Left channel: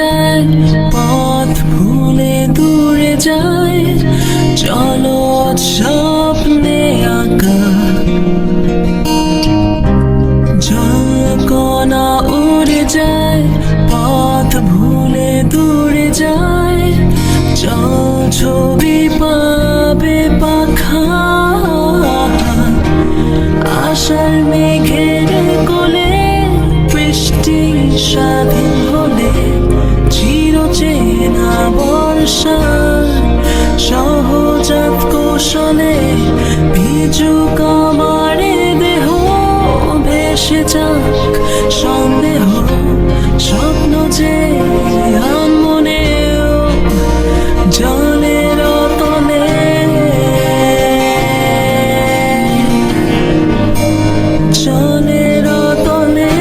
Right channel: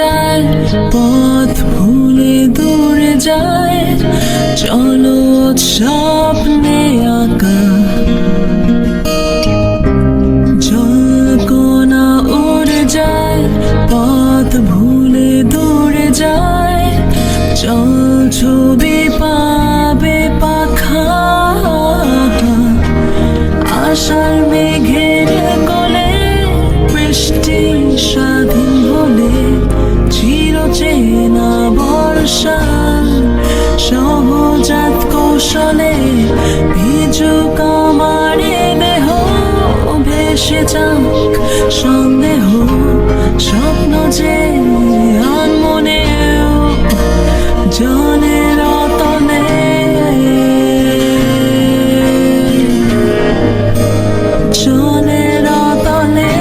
যায়, পথ ভুলে দূরে যায়, চলো স্বপ্নে আঁকা জলকণা উড়ে যায়, পথ ভুলে দূরে যায়, চল ছবি পাবে পাখা। আশার মেঘের কোলে বৃষ্টি স্বাধীন হলে, চিরচেনা বর্ষা সহজাত কৌশলে, ভিজুক আমারে দেহ, ভেসে যাক সন্দেহ, স্বপ্ন যে আনমনেও জলের তলে। জলের তলে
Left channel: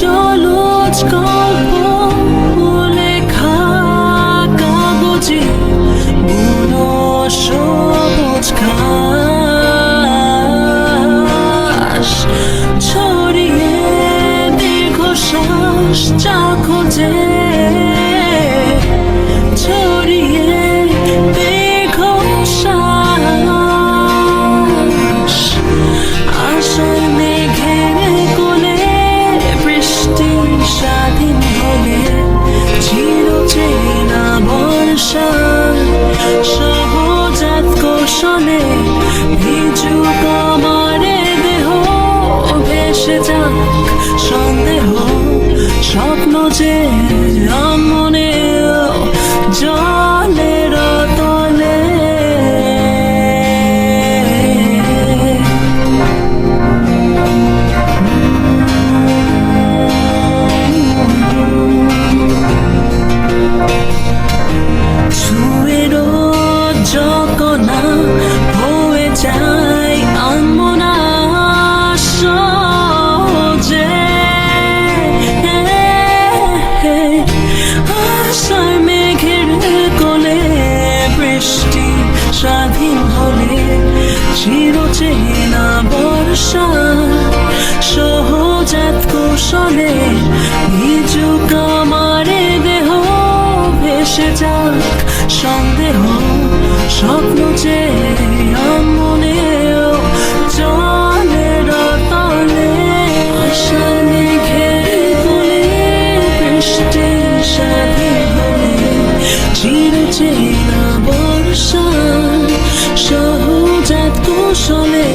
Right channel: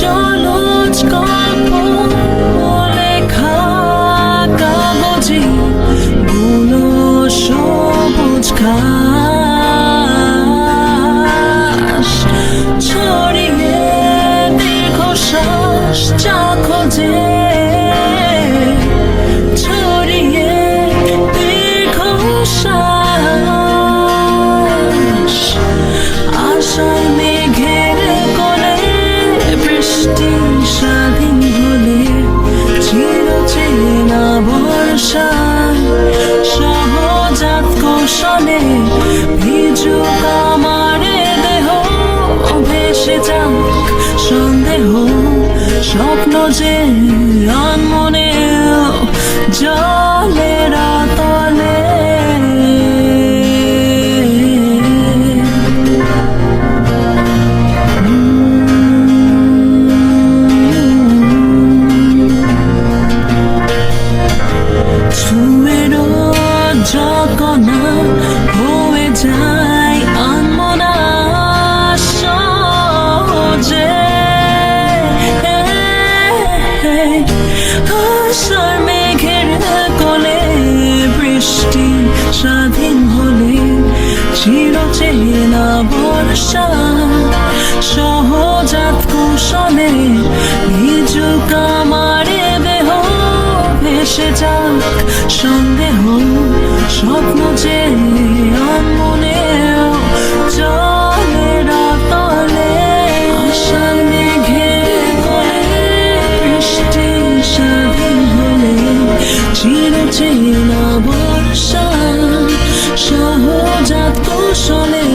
জলজ গল্প লেখা কাগজে, বুনো সবুজ ঘাস ছড়িয়ে দীর্ঘশ্বাস চা খোঁজে, ছড়িয়ে দীর্ঘশ্বাস। আশার মেঘের কোলে বৃষ্টি স্বাধীন হলে, চিরচেনা বর্ষা সহজাত কৌশলে, ভিজুক আমারে দেহ, ভেসে যাক সন্দেহ, স্বপ্ন যে আনমনেও জলের তলে। ছুঁয়েরও জকনা হয়ে যায় আনমনা সহজে। আশার মেঘের কোলে বৃষ্টি স্বাধীন হলে, চিরচেনা বর্ষা সহজাত কৌশলে, ভিজুক আমারে দেহ, ভেসে যাক সন্দেহ, স্বপ্ন যে আনমনেও জলের তলে। আশার মেঘের কোলে বৃষ্টি স্বাধীন হলে, চিরচেনা বর্ষা সহজাত কৌশলে,